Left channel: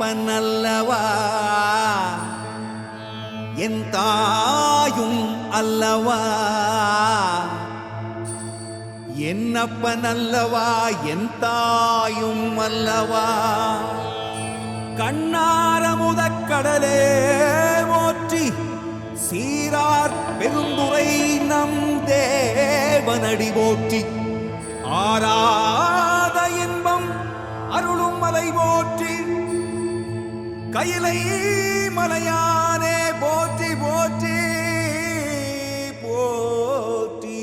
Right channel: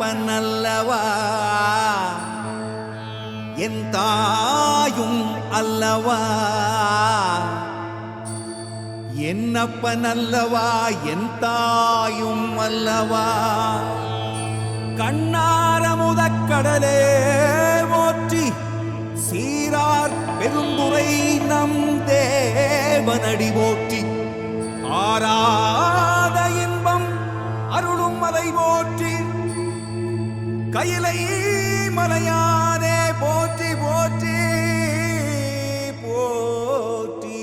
என்னப்பனல்லவா என் தாயும் அல்லவா என்னப்பனல்லவா என் தாயும் அல்லவா கண்ணாரமுதக்கடலே போற்றி சீரார் பெருந்துரை நம் தேவனடி போற்றி ஆராத இன்பம் அருளும் மலை போற்றி கையிலை மலையானே போற்றி போற்றி போற்றி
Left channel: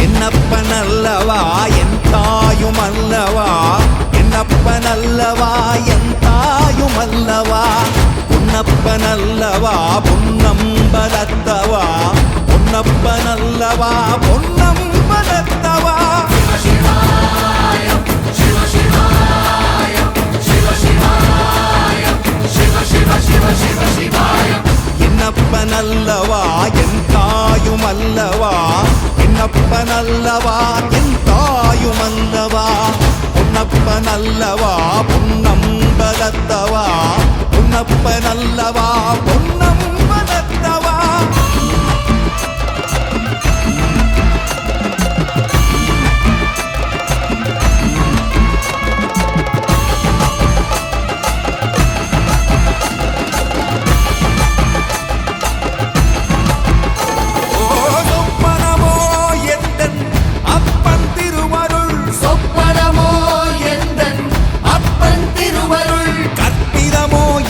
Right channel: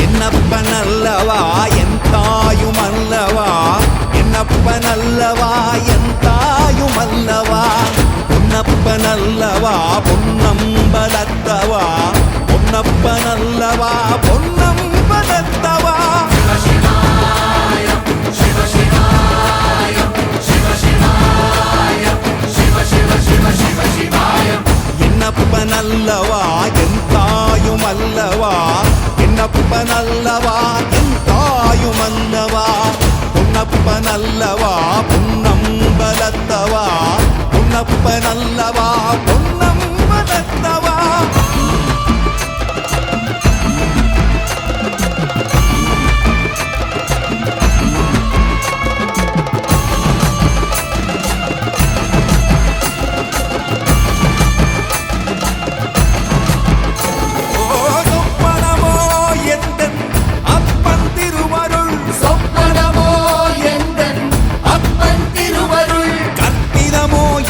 என்னப்பனல்லவா என் தாயும் அல்லவா என்னப்பனல்லவா என் தாயும் அல்லவா பொன்னப்பனல்லவா பொன்னம்பலத்தவா பொன்னப்பனல்லவா பொன்னம்பலத்தவா என்னப்பனல்லவா என் தாயும் அல்லவா என்னப்பனல்லவா என் தாயும் அல்லவா பொன்னப்பனல்லவா பொன்னம்பலத்தவா பொன்னப்பனல்லவா பொன்னம்பலத்தவா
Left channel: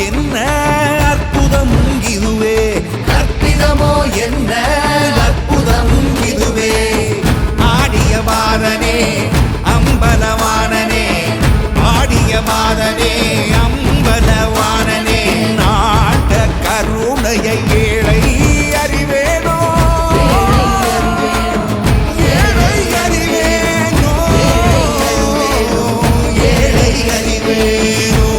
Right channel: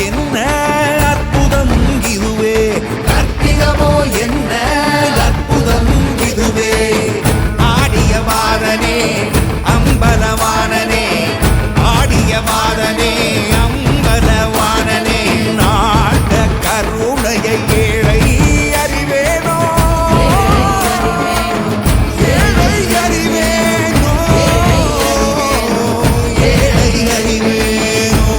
என்ன அற்புதம் இதுவே கற்பிதமோ என்ன அற்புதம் இதுவே ஆடிய மாதனே அம்பலவானனே ஆடிய மாதனே அம்பலவானனே நாட கருணையை ஏழை அறிவேனோ ஏழை அறிவேனோ ஏழை அறிவேனோ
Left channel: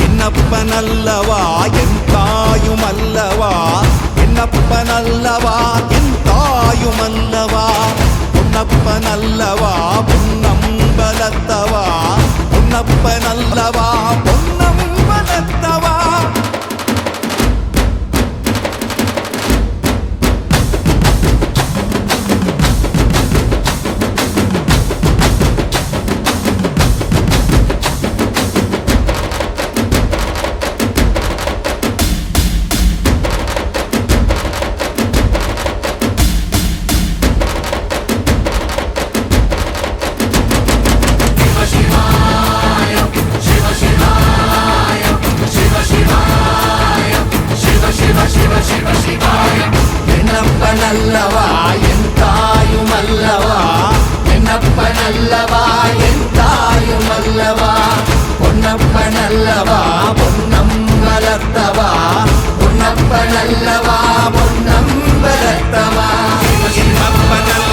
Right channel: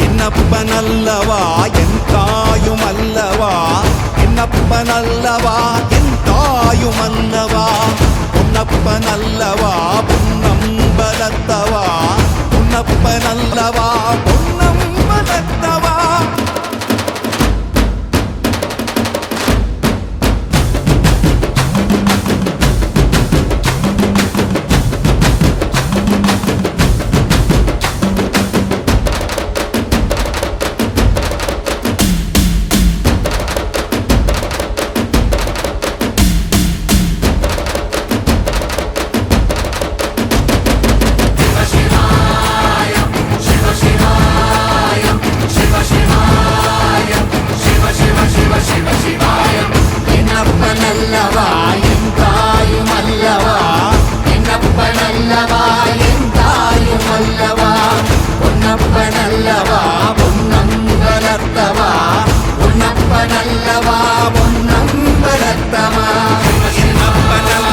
என்னப்பனல்லவா என் தாயும் அல்லவா என்னப்பனல்லவா என் தாயும் அல்லவா பொன்னப்பனல்லவா பொன்னம்பலத்தவா பொன்னப்பனல்லவா பொன்னம்பலத்தவா என்னப்பனல்லவா என் தாயும் அல்லவா என்னப்பனல்லவா என் தாயும் அல்லவா பொன்னப்பனல்லவா பொன்னம்பலத்தவா பொன்னப்பனல்லவா பொன்னம்பலத்தவா என்னப்பனல்லவா